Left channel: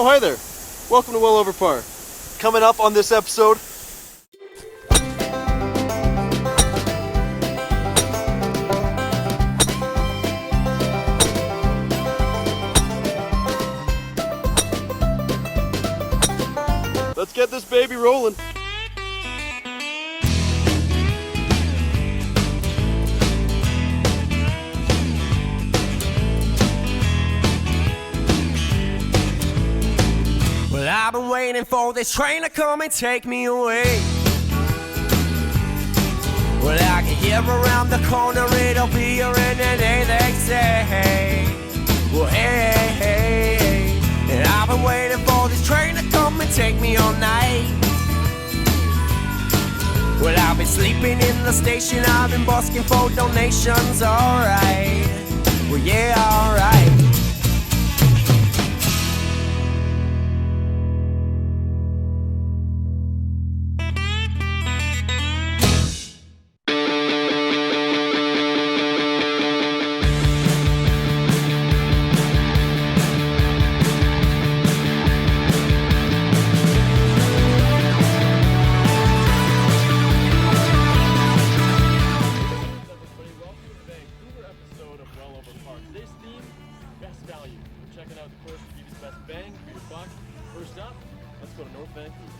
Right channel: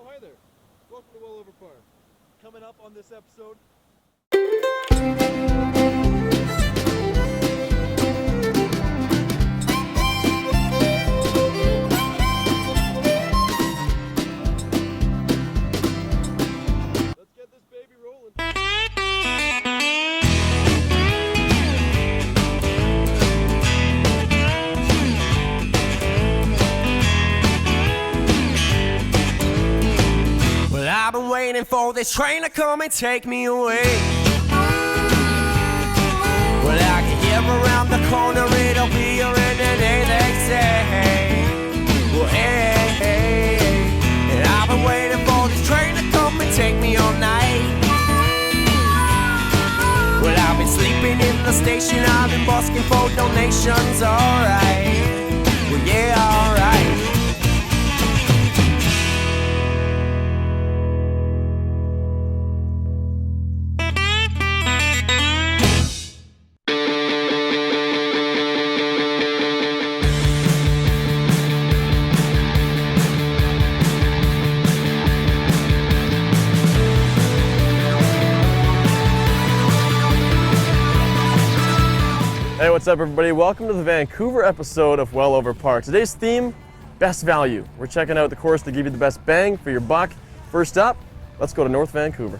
Oh, hi there. Welcome to Well Over Par. Coming up on this episode, let's get this baby rolling. Well, I've been waiting for this train to come and take me away. Well, I can hear around the corner, it'll be here in a day, they say. Well, hey, hey, hey. And I've been waiting for this train to come and take me all night. Well, I've been sleeping in the station, I've been busking for donations, alright. Well, yeah, alright. Hey, what's up everybody? Welcome to the Vancouver episode of Well Over Par. Today's theme, best value. We're checking out the course to give you the best bang for your buck. First up, let's go to North Vancouver.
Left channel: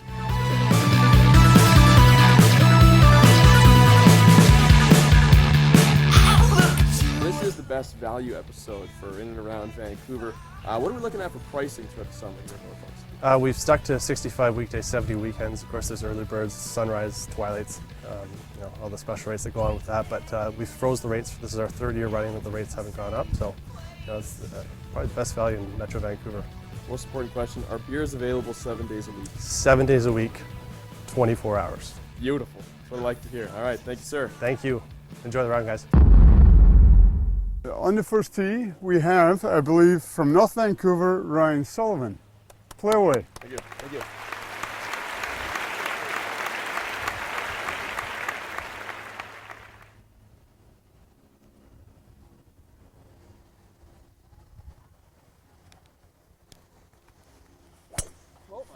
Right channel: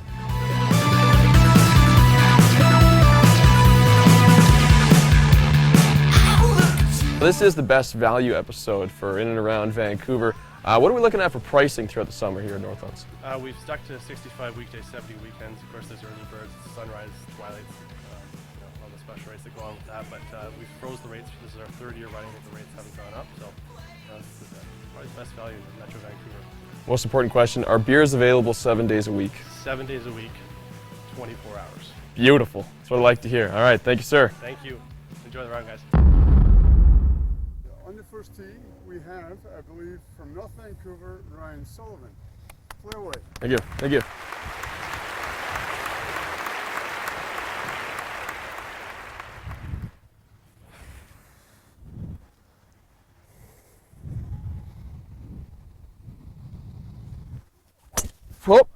This is the best value episode for in and around Vancouver. What are we looking at for pricing throughout the summer here at Northlands? We've stuck to 65 weekdays, 70 weekends. Of course, there's early birds, sunrise, twilights, all the special rates that go on with that. But we've froze the rates. This is our third year running that the rates haven't gone up. So it's probably the best value in Metro Vancouver. Most important question, are beers available 7 days a week? 7 days a week, 24 hours. Beautiful. That's what I like to hear. All right, thank you, sir. Thank you. Enjoy the round, guys. On the first tee, we have, I believe, from North Vancouver, Ryan Sullivan. Play away. Thank you. Thank you. Well,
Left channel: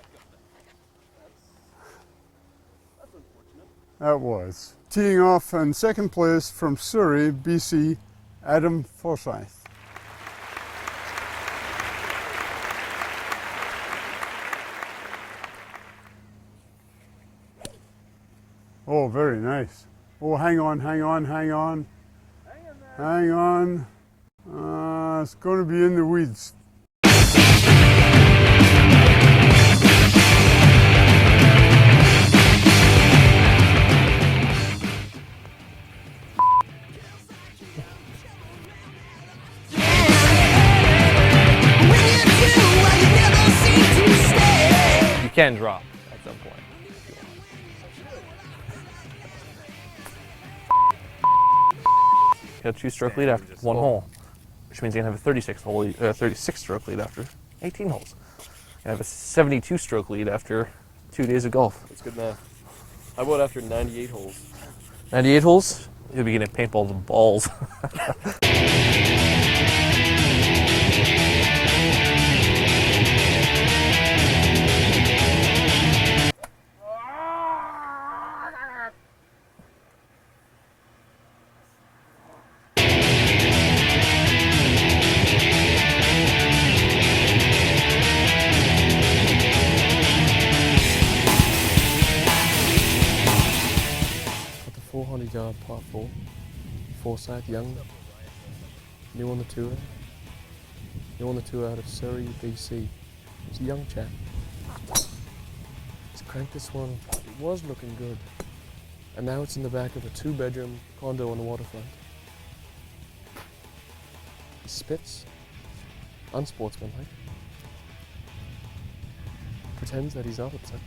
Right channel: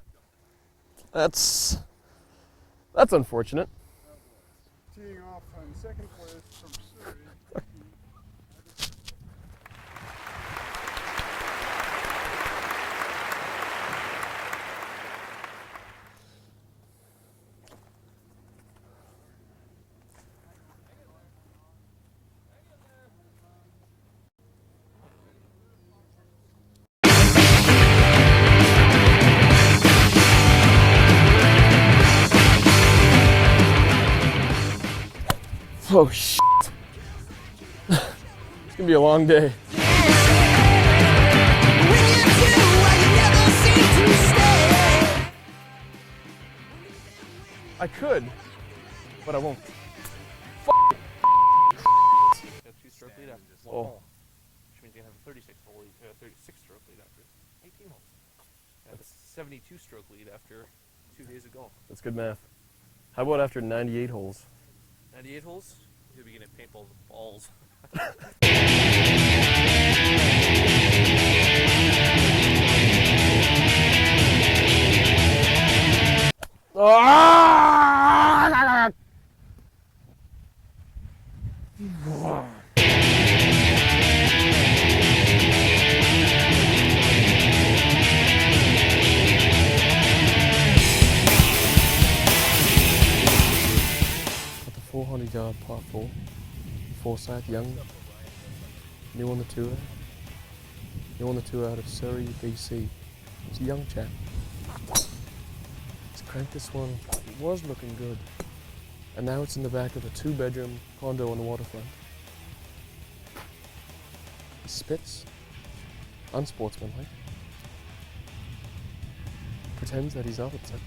that's unfortunate. That was. Teeing off in second place from Surrey, BC, Adam Forsyth. Oh, very nice. Oh, hang on, hang on, hang on. Hang on. It's going to be in the weeds. Oh, shit. It's gonna be a long day. You can drop at some point. I could, but I won't. You have a 2-stroke lead after one hole, which means you're gonna have a 36-stroke lead after 18 holes. You have a 72-stroke lead after 2 days of golf. That's good math. How about after 98 holes? 98 holes, you'll be getting paintballs and balls. Got the 400-yard par 4. Forsyth Young. New on the tour. New on the tour out of Surrey, BC. It's a young chap. He's cranked this one. It was looking good. And now it's in the back of a 2-bedroom condo on the waterfront. He spits. Unsportsmanlike. Pretends that he's not upset.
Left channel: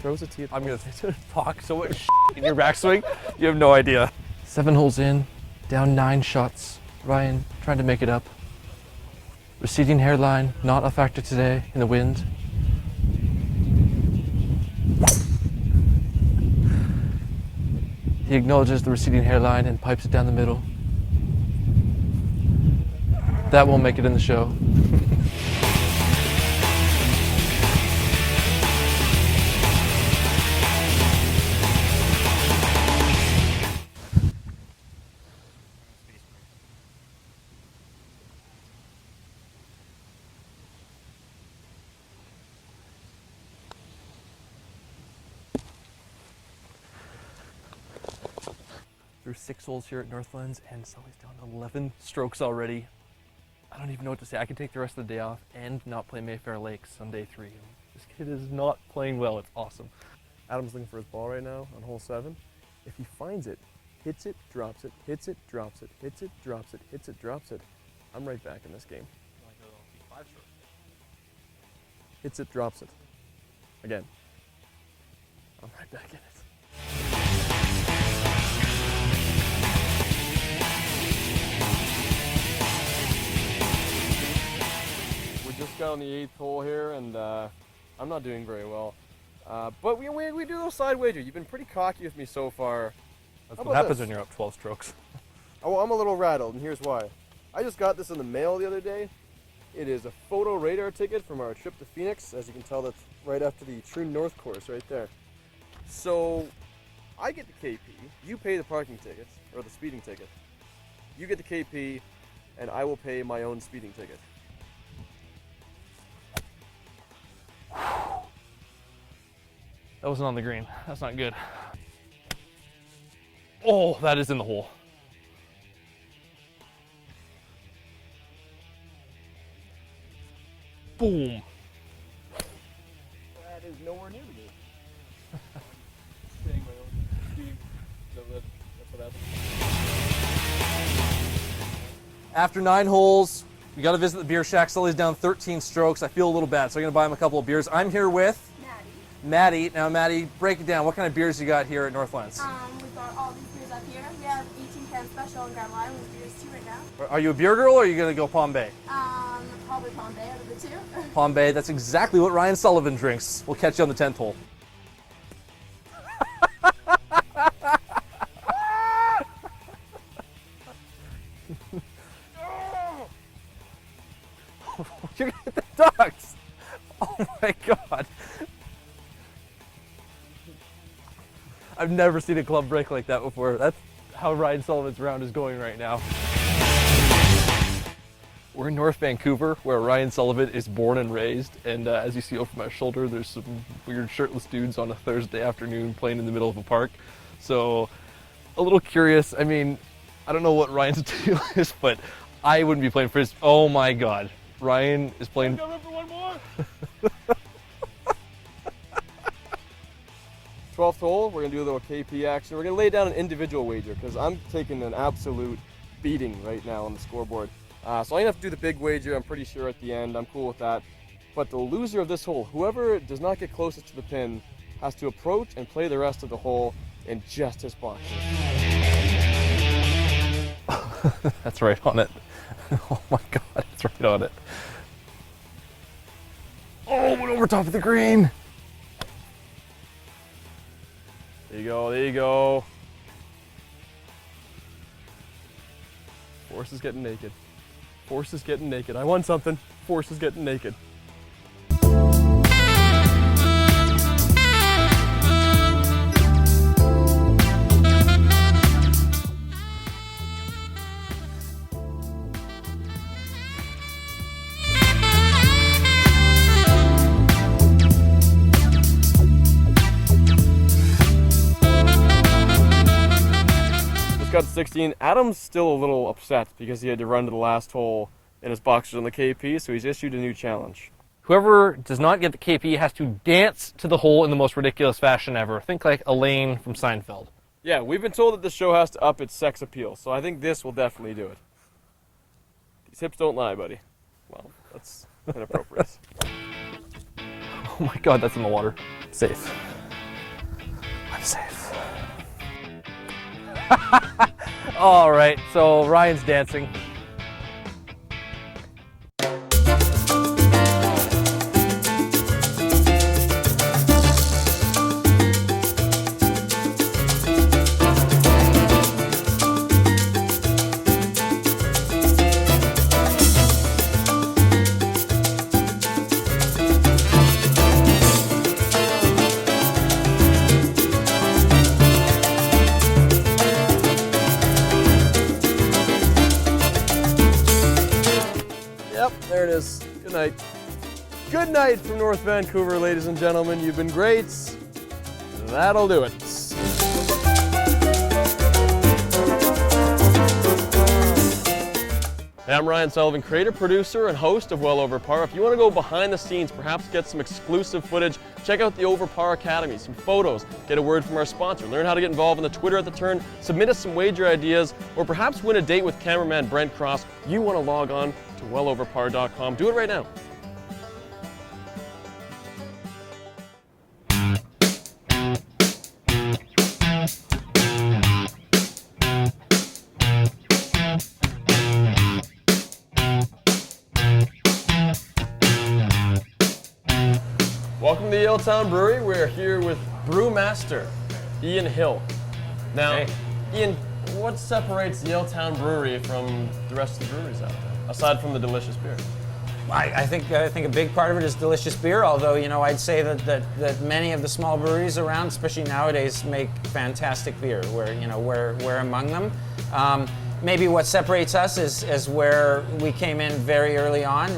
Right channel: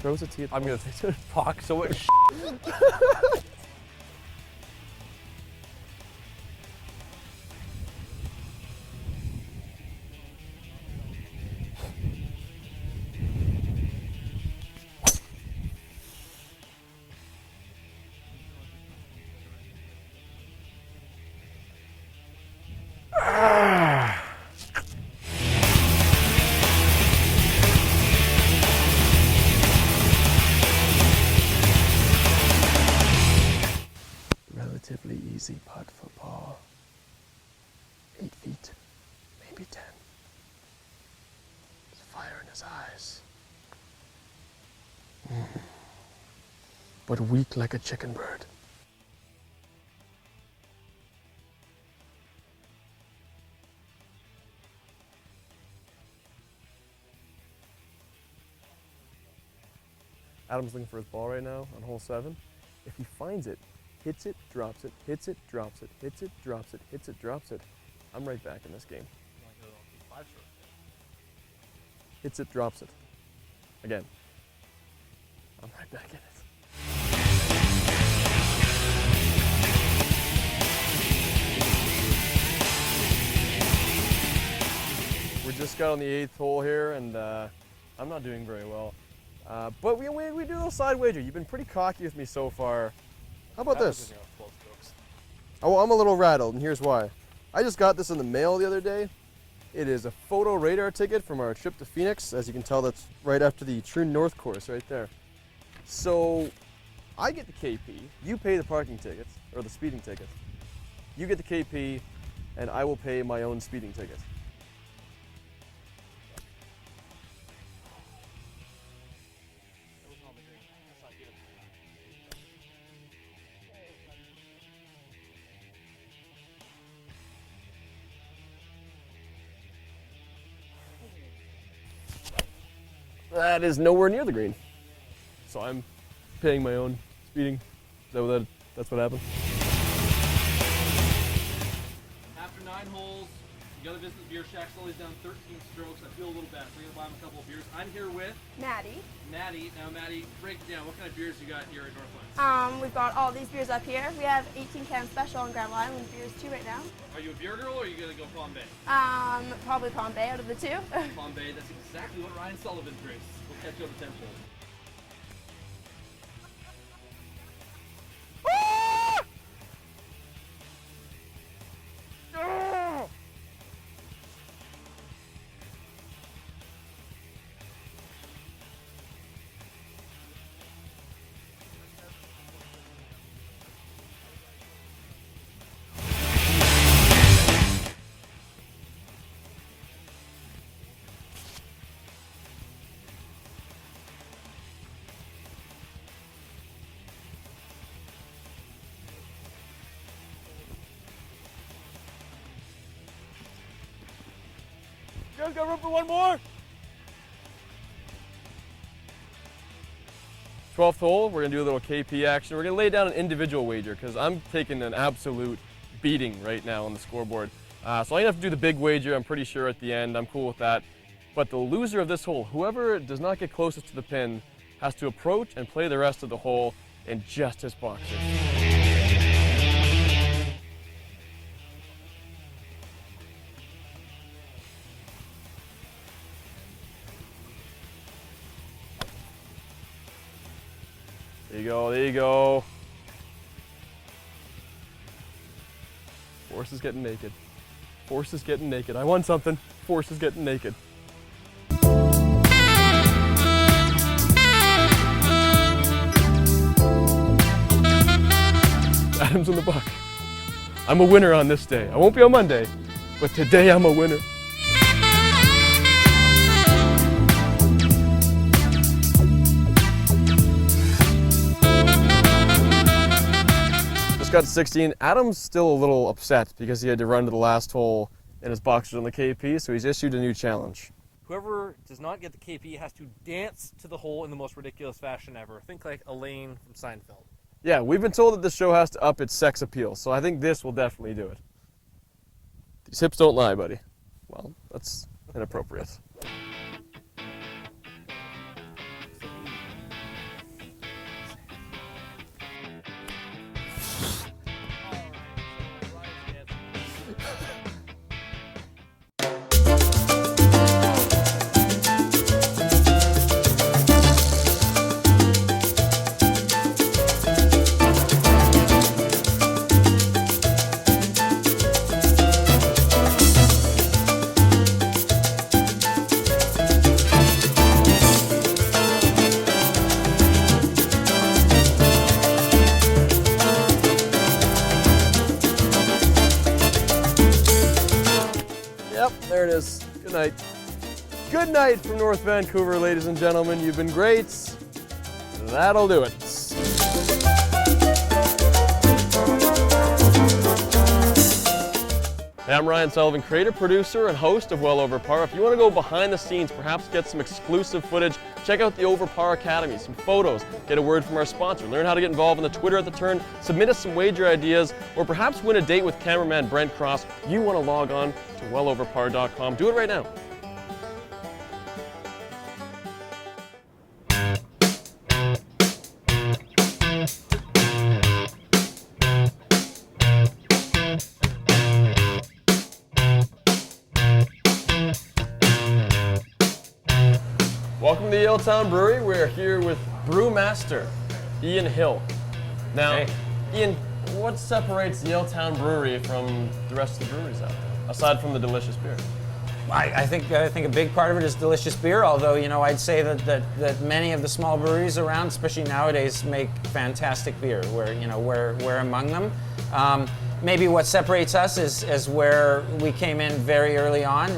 Throws a tee at the I'm ball. gonna talk so much in your backswing, you have no idea. 7 holes in, down 9 shots. Ryan trying to make it up. Receding hairline, not a factor today in the wind. He acknowledges the receding hairline and pipes it down the middle. That won't make it in the show. but weak like a chicken bird. Through 6 holes here at Northlands, and Sully's down to 11 strokes already. I don't even know what to say. I can take the rest of the day off and not play Mayfair Lakes on day 3. This kid is not playing well. It's awesome. Adam's looking for his ball right now on hole 7. If he finds it, hits it, drops it, hits it, drops it, hits it, drops it, hits it, drops it, I'm right back in this game. Hits it, drops it. Again. I'm right back in it. We just got on the 8th hole here, and I'm not doing very well. But we do a little side wager. You've been pretty cocky with me so far. That's How what about happens this? when you're up 12 strokes. Oh, I'm a little rattled, and here's why. I just got this in the mail the other day. It is a photo radar ticket from our trip to Phoenix. As you can tell, that's right after the True North course right there. So I get the KP, you pay the parking tickets, or the speeding ticket. You get the KP, and I will pay my own speeding ticket. That wasn't on the green. That's not good. Oh, that is in the hole. Boom. That is nowhere near the green. So I'm paying my own speeding. That's what happened. After 9 holes, we got to visit the beer shack. Sully's down 13 strokes. I feel a little bad, so I'm going to buy him a couple of beers. I'm here with Maddie. Now, Maddie, break it down. What kind of beers you got here at Northlands? We've got all these beers up here. We have 18 Can Special and Grand Island beers too right now. Are you a beer girl or are you going to go Palm Bay? Probably Palm Bay out of the two. Palm Bay, that's exactly what Ryan Sullivan drinks. We'll catch you on the 10th hole. You're gonna hit the ducks! Oh my god. I've never seen a club break like that before. That's how Ryan Sullivan's round is going right now. We're in North Vancouver, where Ryan Sullivan is born and raised, and as you see over my shoulder, there's some weird shirtless dudes on a Thursday afternoon playing in the middle of a park. So, a little curious. I mean, I don't know what Ryan's deal is, but I wouldn't be playing frisbee. Oh my god. Ryan is playing. I've got room for one more! 12th hole, we're gonna do a little KP action. We're gonna lay down an individual wager because I'm taking an absolute beating right now on the scoreboard. So I'm gonna have to do the big wager, I'm pretty sure, at the end. I'm cool with that. But the loser of this hole, whoever does not get closest to the pin, has to approach and play the rest of the hole in just his box. That's right on it. Oh my god, it's right on it. Oh, went over top of the green. There you go, there you go. Force is getting naked. Force is getting naked. I won something. Force is getting naked. Adam's in the buck. I'm a winner on this day. I won't be on Monday, but today I'm a winner. Just got to 16. Adam's still a little upset because he had to run to the last hole in his boxers on the KP, so he's issued a new challenge. Whoever does not get the KP has to dance to the hole in the most ridiculous fashion ever. Think like Elaine from Seinfeld. Yeah, we've been told that the show has to up its sex appeal, so I think this will definitely do it. These hips don't lie, buddy. Well, that's inappropriate. Oh my god, that's in the water. Safe. I'm safe. All right, so Ryan's dancing. Yep, there it is. Good night. Good night from North Vancouver, ladies and gentlemen. You've been great. That'll do it. Hey, I'm Ryan Sullivan, creator, producer, and host of Well Over Par. If you want to go behind the scenes, perhaps get some exclusive footage, check out the Over Par Academy, some photos, get a word from our sponsor, learn how to get involved in the Twitter at the Turn, submit us some wager ideas, or perhaps win a date with cameraman Brent Cross. You want to log on to welloverpar.com. Do it right now. Welcome to the Yaletown Brewery. We're here with brewmaster Ian Hill. Now, Ian, what separates the Yaletown Brewery from the rest of the breweries out there, aside from the delicious beer? I think a big part of it is delicious beer. Although I'd say that many of the small breweries around, especially nowadays, make fantastic beer. We're among them. Maybe what separates us is where we came in very early on.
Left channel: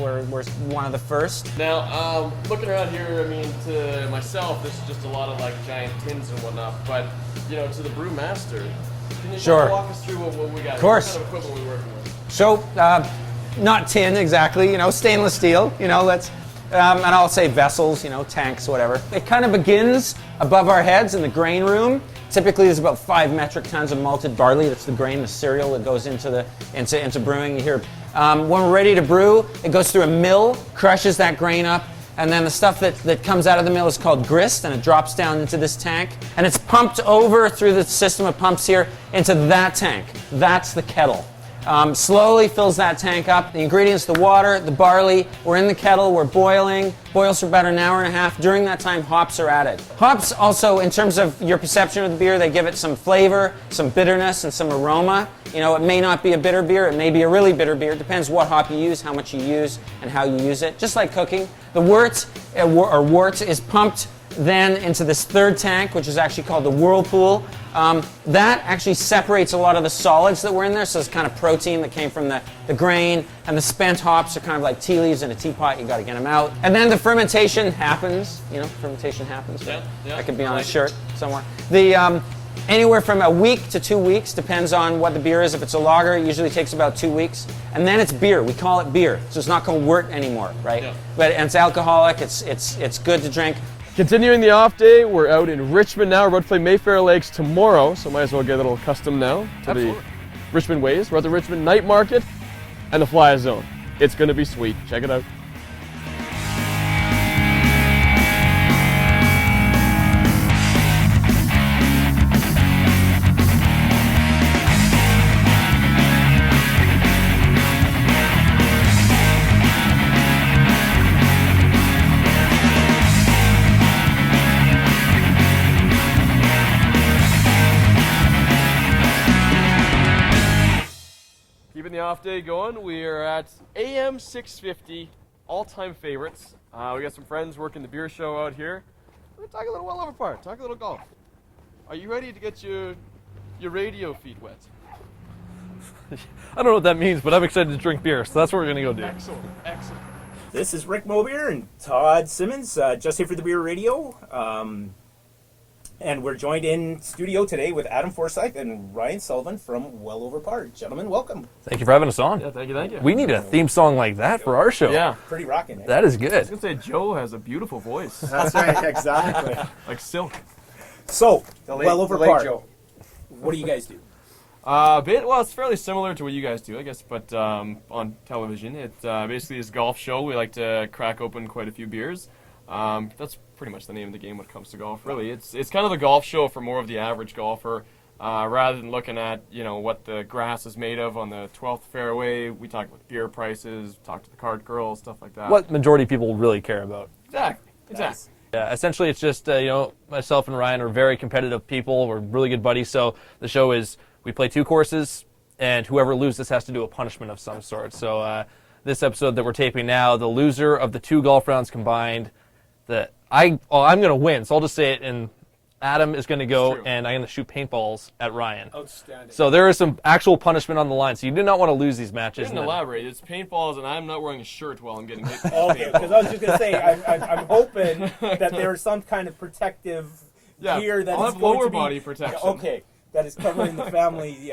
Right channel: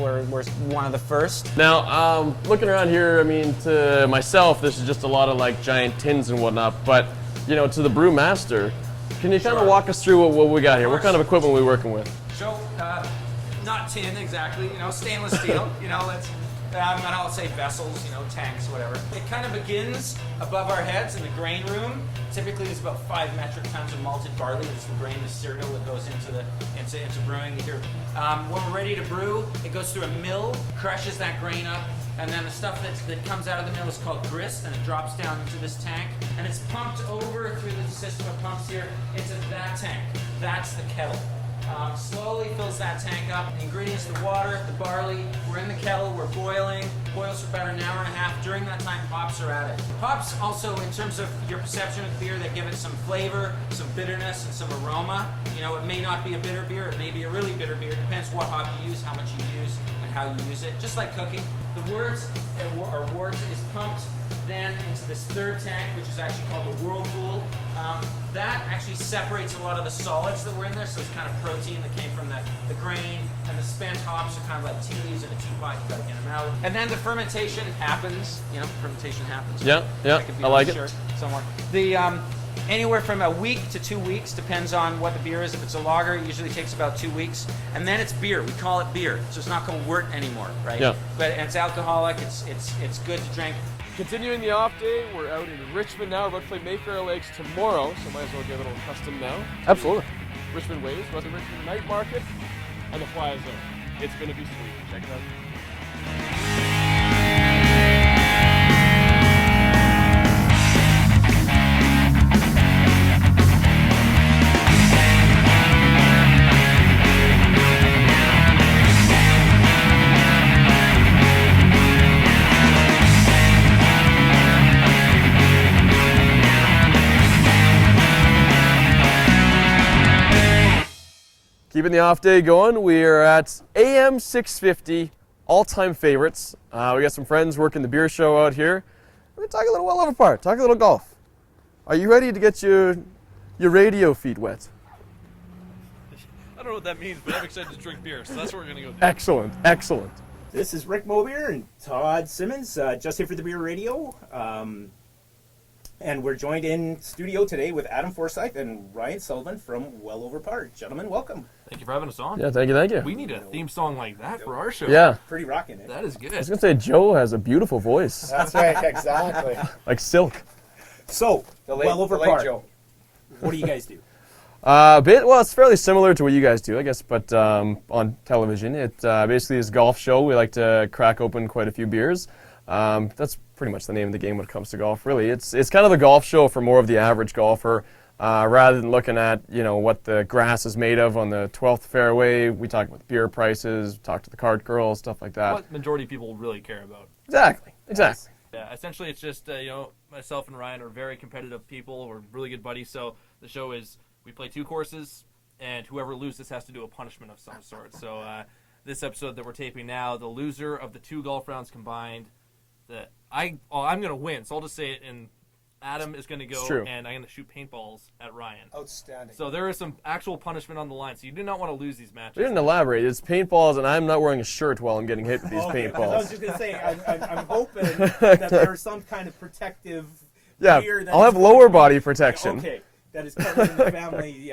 We're one of the first. Now, looking around here, I mean, to myself, this is just a lot of like giant tins and whatnot. But to the brewmaster, can you kind of walk us through what we got here? What kind of equipment are we working with? So, not tin exactly. Stainless steel. Let's. And I'll say vessels, tanks, whatever. It kind of begins above our heads in the grain room. Typically, there's about 5 metric tons of malted barley. That's the grain, the cereal that goes into brewing. You hear, when we're ready to brew, it goes through a mill, crushes that grain up, and then the stuff that comes out of the mill is called grist, and it drops down into this tank, and it's pumped over through the system of pumps here into that tank. That's the kettle. Slowly fills that tank up. The ingredients, the water, the barley, we're in the kettle, we're boiling. Boils for about an hour and a half. During that time, hops are added. Hops also, in terms of your perception of the beer, they give it some flavor, some bitterness, and some aroma. It may not be a bitter beer, it may be a really bitter beer. It depends what hop you use, how much you use, and how you use it. Just like cooking. The wort is pumped then into this third tank, which is actually called the whirlpool. That actually separates a lot of the solids that were in there, so it's kind of protein that came from the grain, and the spent hops are kind of like tea leaves in a teapot. You got to get them out. And then the fermentation happens. Fermentation happens. Yeah. That could be on a shirt somewhere. The anywhere from a week to 2 weeks, depends on what the beer is. If it's a lager, it usually takes about 2 weeks. And then it's beer. We call it beer. So it's not called wort anymore, right? Yeah. But it's alcoholic. It's good to drink. Continuing the off day, we're out in Richmond now. We're about to play Mayfair Lakes tomorrow, so might as well get a little custom now. Absolutely. Richmond ways. We're at the Richmond Night Market and the Fly Zone. It's going to be sweet. Check it out. Keeping the off day going, we are at AM 650, all-time favorites. We got some friends working the beer show out here. We're going to talk a little Well Over Par, talk a little golf. Are you ready to get your radio feet wet? I don't know what that means, but I'm excited to drink beer, so that's what we're going to go do. Excellent, excellent. This is Rick Mobier and Todd Simmons, just here for the Beer Radio. And we're joined in studio today with Adam Forsyth and Ryan Sullivan from Well Over Par. Gentlemen, welcome. Thank you for having us on. Yeah, thank you. We need a theme song like that for our show. Yeah. Pretty rocking, eh? That is good. I was going to say, Joe has a beautiful voice. That's right, exactly. Like silk. So, Well Over Par. What do you guys do? Well, it's fairly similar to what you guys do, I guess, but on television. It basically is a golf show. We like to crack open quite a few beers. That's pretty much the name of the game when it comes to golf, really. It's kind of the golf show for more of the average golfer. Rather than looking at, what the grass is made of on the 12th fairway, we talk about beer prices, talk to the cart girls, stuff like that. What majority of people really care about. Exactly. Yeah, essentially it's just, myself and Ryan are very competitive people. We're really good buddies, so the show is we play 2 courses, and whoever loses has to do a punishment of some sort. So this episode that we're taping now, the loser of the 2 golf rounds combined, I'm going to win, so I'll just say it, and Adam is going to go, and I'm going to shoot paintballs at Ryan. Outstanding. So there is some actual punishment on the line, so you do not want to lose these matches. You didn't elaborate. It's paintballs, and I'm not wearing a shirt while I'm getting hit with these Okay, because I was paintballs. just going to say, I'm hoping that there's some kind of protective gear that I'll is have going lower to be- body protection. Okay, that is covering the family,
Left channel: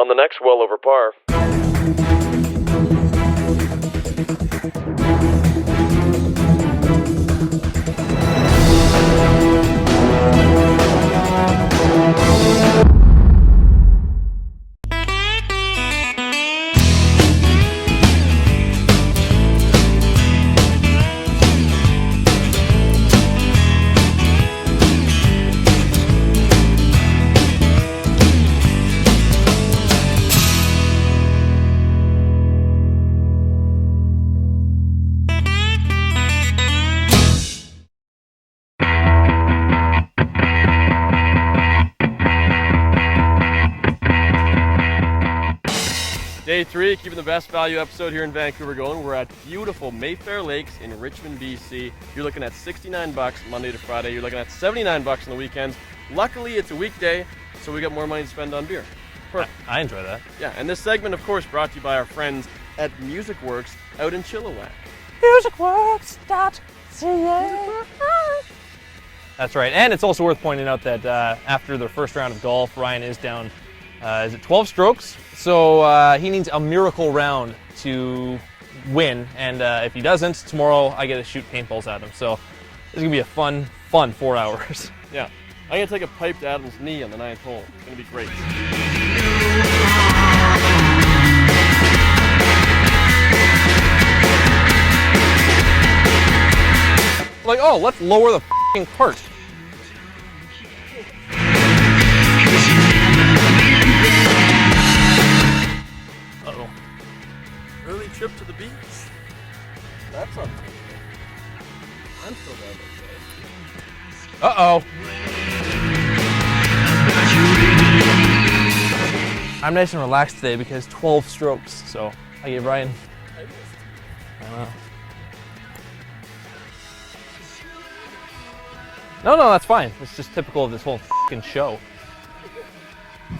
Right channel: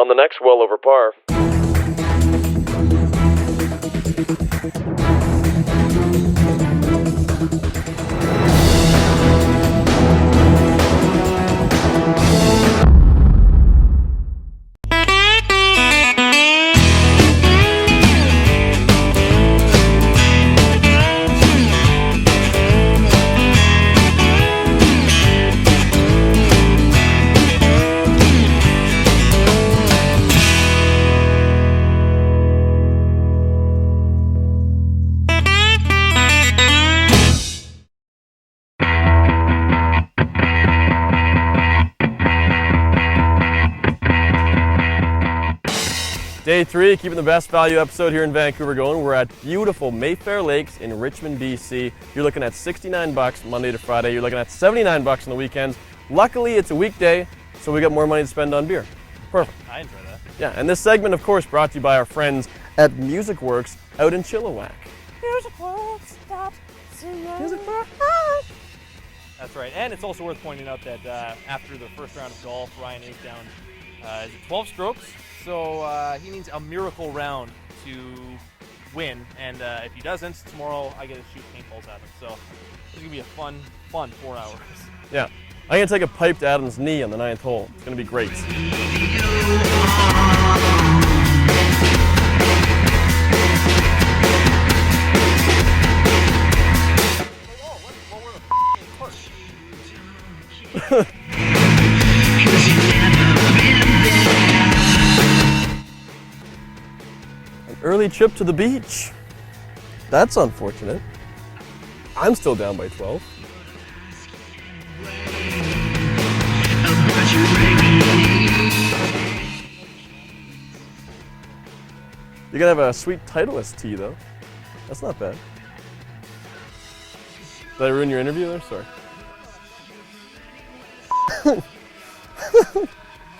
On the next Well Over Par. Day 3, keeping the best value episode here in Vancouver going. We're at beautiful Mayfair Lakes in Richmond, BC. You're looking at $69 Monday to Friday. You're looking at $79 on the weekends. Luckily, it's a weekday, so we got more money to spend on beer. Perfect. I enjoy that. Yeah, and this segment, of course, brought to you by our friends at Music Works out in Chilliwack. That's right. And it's also worth pointing out that after the first round of golf, Ryan is down, is it 12 strokes? So he needs a miracle round to win. And if he doesn't, tomorrow I get to shoot paintballs at him. So this is going to be a fun 4 hours. Yeah. I'm going to take a pipe to Adam's knee on the 9th hole. It's going to be great. Like, oh, let's lower the f***ing cart. Early trip to the beach. That's unfortunate. I'm still down by 12. Uh-oh. I'm nice and relaxed today because 12 strokes, so I You get gotta have Ryan. a sweet Titleist tee, though. That's not bad. Did I ruin your interview there? Sorry. No, that's fine. It's just typical of this whole f***ing show.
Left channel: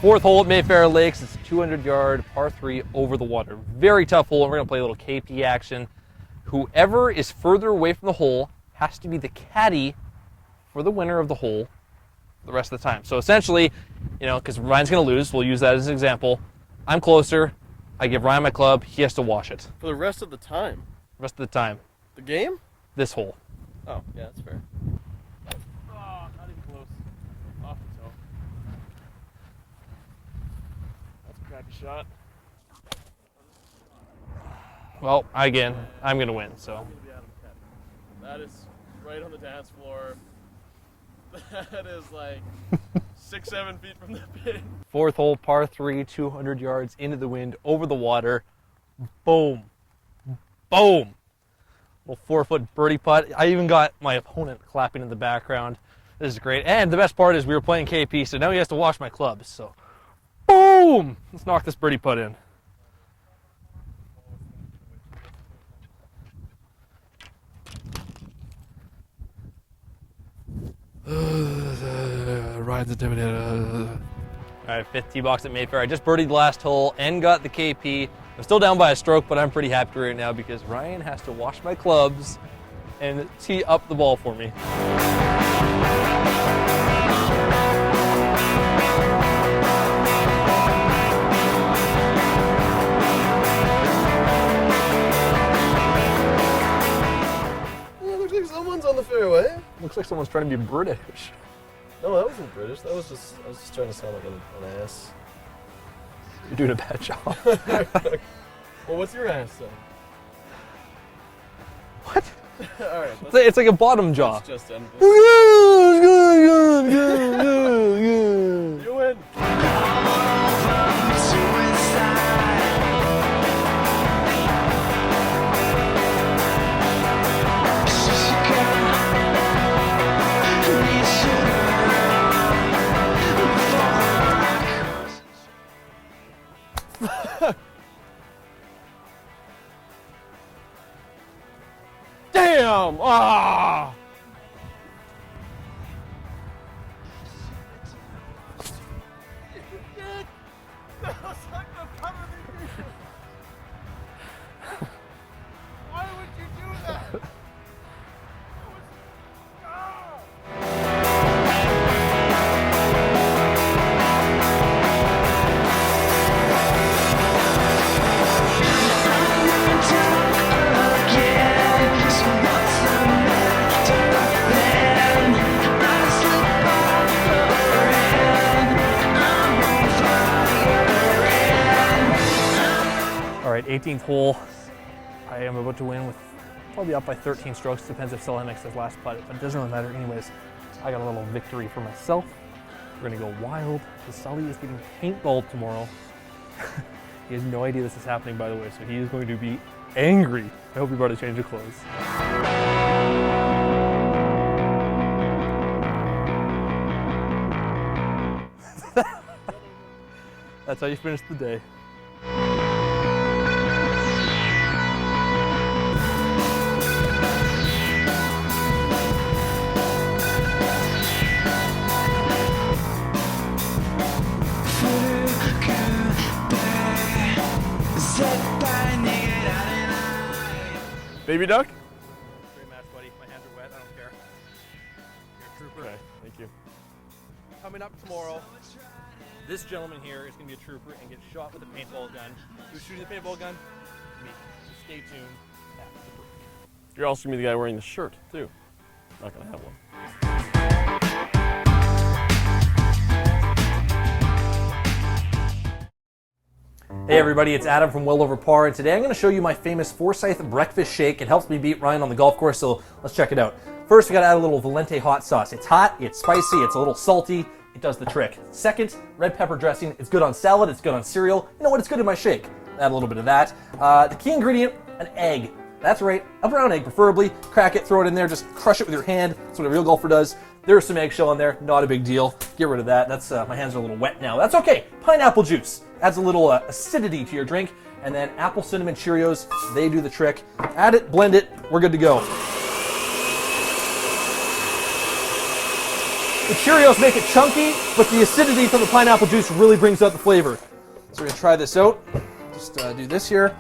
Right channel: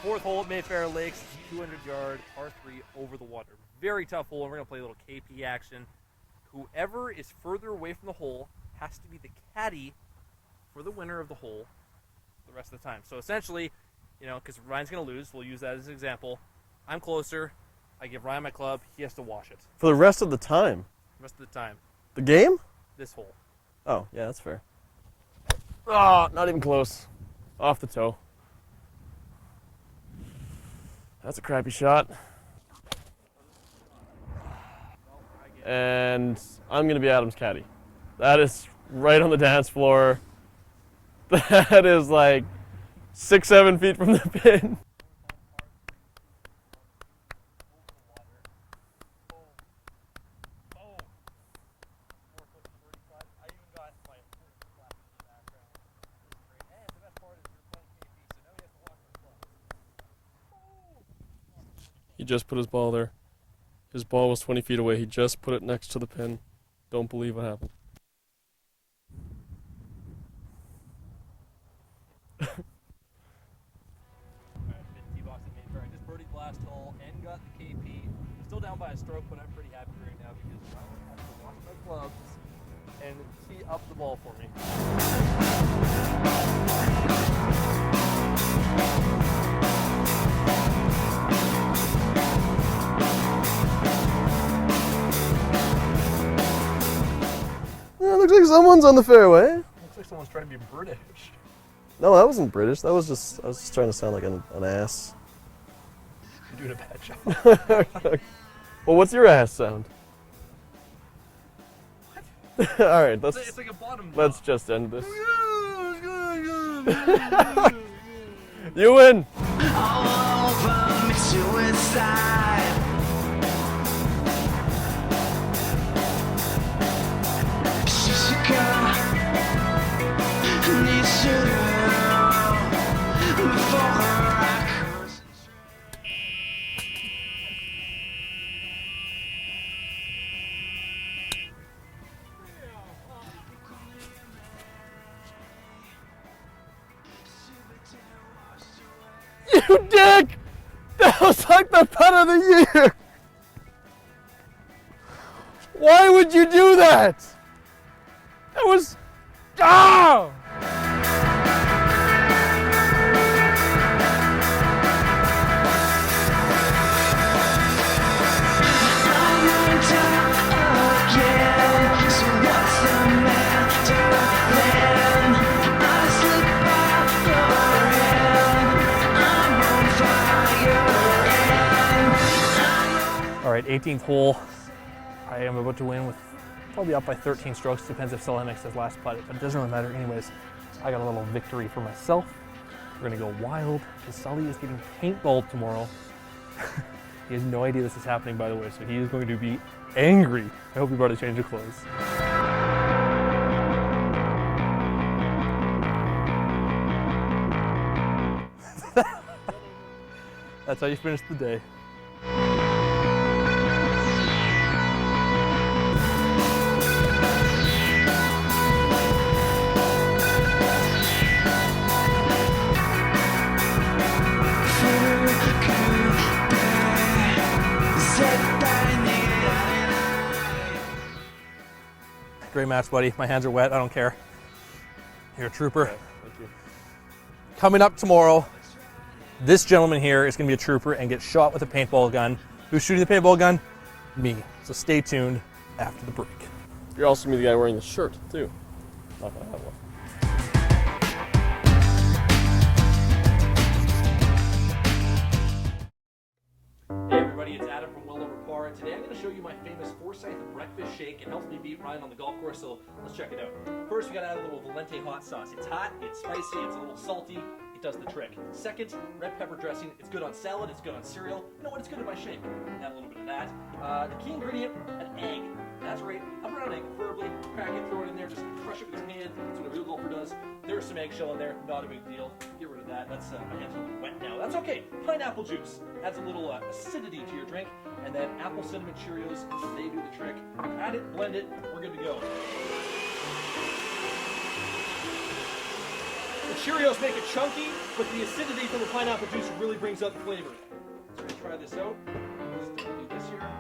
4th hole at Mayfair Lakes. It's a 200-yard par 3 over the water. Very tough hole, and we're going to play a little KP action. Whoever is further away from the hole has to be the caddy for the winner of the hole the rest of the time. So essentially, you know, because Ryan's going to lose, we'll use that as an example. I'm closer. I give Ryan my club. He has to wash it. For the rest of the time? Rest of the time. The game? This hole. Oh, yeah, that's fair. Oh, not even close. Off the toe. That's a crappy shot. Well, again, And I'm going to win. So. I'm going to be Adam's caddy. That is right on the dance floor. That is like 6-7 feet from the pin. 4th hole, par 3, 200 yards into the wind, over the water. Boom. Boom. Little 4-foot birdie putt. I even got my opponent clapping in the background. This is great. And the best part is we were playing KP, so now he has to wash my clubs. So, boom. Let's knock this birdie putt in. He just put his ball there. His ball was 20 feet away. He just put it next to the pin. Don't believe what happened. Ryan's intimidated. All right, 5th tee box at Mayfair. I just birdied the last hole and got the KP. I'm still down by a stroke, but I'm pretty happy right now because Ryan has to wash my clubs and tee up the ball for me. Yeah, looks like someone's on the fairway. Looks like someone's trying to be British. No, that wasn't British. That was just, I was just trying to sound like an ass. You're doing a bad job. Well, what's your ass sound? What? All right, It's like a bottom jaw. let's just end this. You win. Damn! Ah! You dick! That was like the putt of the year! Why would you do that? It was... Ah! right, 18th hole. I am about to win with probably up by 13 strokes. Depends if Sully makes his last putt, but it doesn't really matter. Anyways, I got a little victory for myself. We're gonna go wild because Sully is getting paintballed tomorrow. He has no idea this is happening, by the way, so he is going to be angry. I hope he brought a change of clothes. That's how you finish the day. Baby duck? Great match, buddy. My hands are wet. I don't care. You're a trooper. Okay, thank you. Coming up tomorrow, this gentleman here is going to be a trooper and get shot with a paintball gun. Who's shooting the paintball gun? Me. So stay tuned after the break. You're also going to be the guy wearing the shirt, too. Not going to have one. Hey everybody, it's Adam from Well Over Par, and today I'm going to show you my famous Forsyth breakfast shake. It helps me beat Ryan on the golf course, so let's check it out. First, we got to add a little Valente hot sauce. It's hot, it's spicy, it's a little salty. It does the trick. Second, red pepper dressing. It's good on salad, it's good on cereal. You know what, it's good in my shake. Add a little bit of that. The key ingredient, an egg. That's right, a brown egg preferably. Crack it, throw it in there, just crush it with your hand. That's what a real golfer does. There's some eggshell in there, not a big deal. Get rid of that. That's my hands are a little wet now. That's okay. Pineapple juice adds a little acidity to your drink. And then apple cinnamon Cheerios, they do the trick. Add it, blend it, we're good to go. The Cheerios make it chunky, but the acidity from the pineapple juice really brings out the flavor. So we're gonna try this out. Just do this here.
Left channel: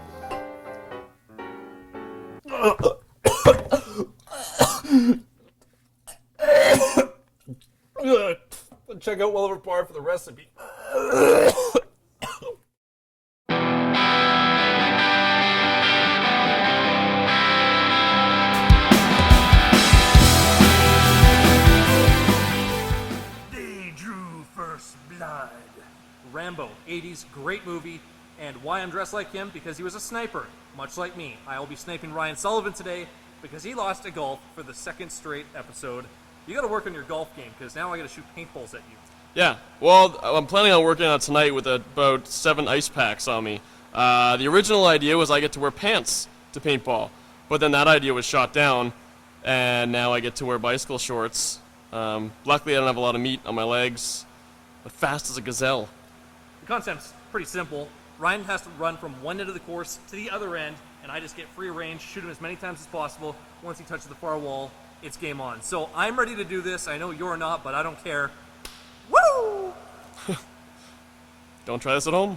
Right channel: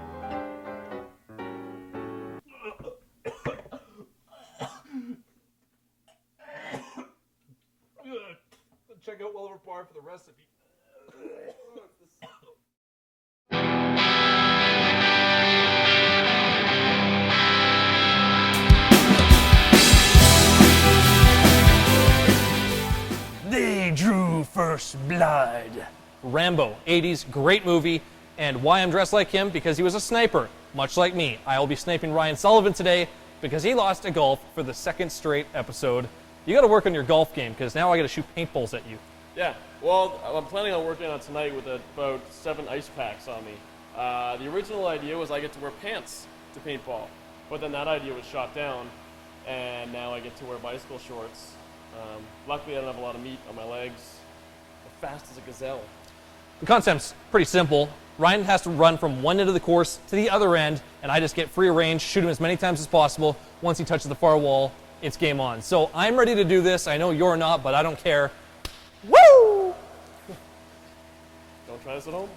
Check out Well Over Par for the recipe. They drew first blood. Rambo, 80s, great movie. And why I'm dressed like him? Because he was a sniper, much like me. I will be sniping Ryan Sullivan today because he lost at golf for the second straight episode. You got to work on your golf game because now I got to shoot paintballs at you. Yeah, well, I'm planning on working on it tonight with about 7 ice packs on me. The original idea was I get to wear pants to paintball, but then that idea was shot down, and now I get to wear bicycle shorts. Luckily, I don't have a lot of meat on my legs. I'm fast as a gazelle. The concept's pretty simple. Ryan has to run from one end of the course to the other end, and I just get free range, shoot him as many times as possible. Once he touches the far wall, it's game on. So I'm ready to do this. I know you're not, but I don't care. Woo! Don't try this at home.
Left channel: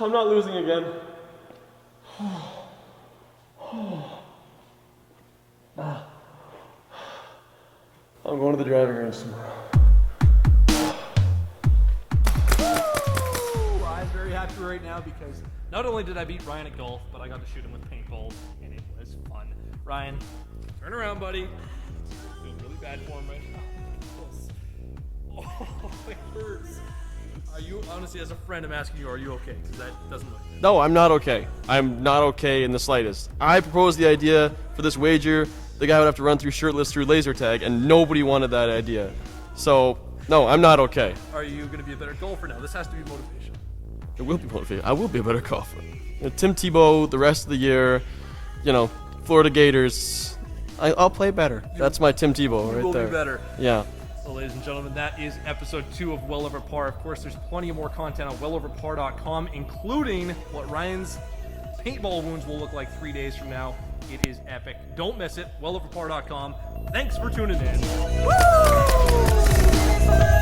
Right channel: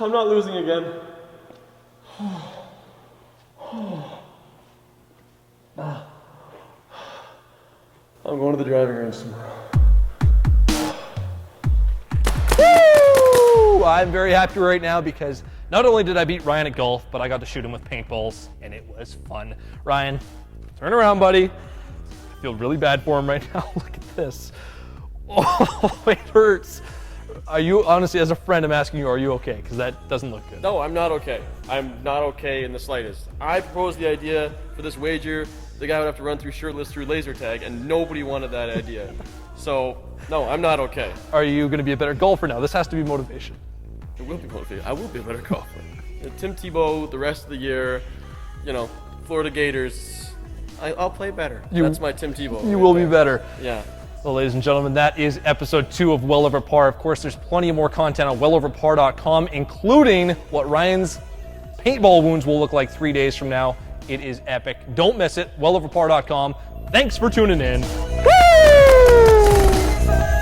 I'm not losing again. I'm going to the driving range tomorrow. Woo! I'm very happy right now because not only did I beat Ryan at golf, but I got to shoot him with paintballs, and it was fun. Ryan, turn around, buddy. I feel really bad for him right now. Look at this. Oh, it hurts. Are you, honestly, as a friend, I'm asking you, are you okay? Because that doesn't look good. No, I'm not okay. I'm not okay in the slightest. I proposed the idea for this wager. The guy would have to run through shirtless through laser tag, and nobody wanted that idea. So, no, I'm not okay. Are you going to be a better golfer now? This has to be motivation. It will be motivated. I will be a better golfer. You know, Tim Tebow, the rest of the year, you know, Florida Gators. I'll play better. That's my Tim Tebow. You right will there. be better. Yeah. Well, ladies and gentlemen, that is episode 2 of Well Over Par. Of course, there's plenty more content on welloverpar.com, including what Ryan's paintball wounds will look like 3 days from now. It is epic. Don't miss it. welloverpar.com. Thanks for tuning in.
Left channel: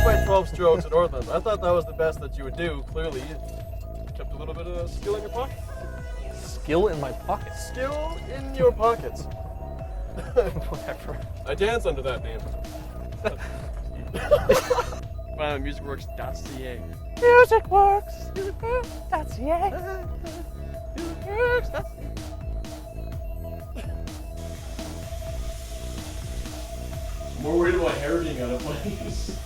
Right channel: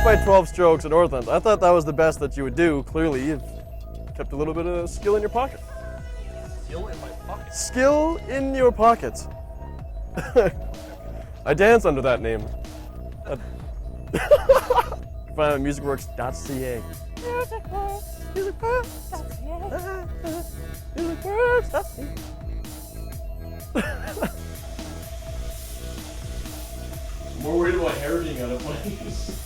By 12 strokes at Northland. I thought that was the best that you would do. Clearly, you've kept a little bit of skill in your pocket. Skill in my pocket. Skill in your pockets. Whatever. I dance under that name. Find me at musicworks.ca. Musicworks.ca. More worried about hair being out of place.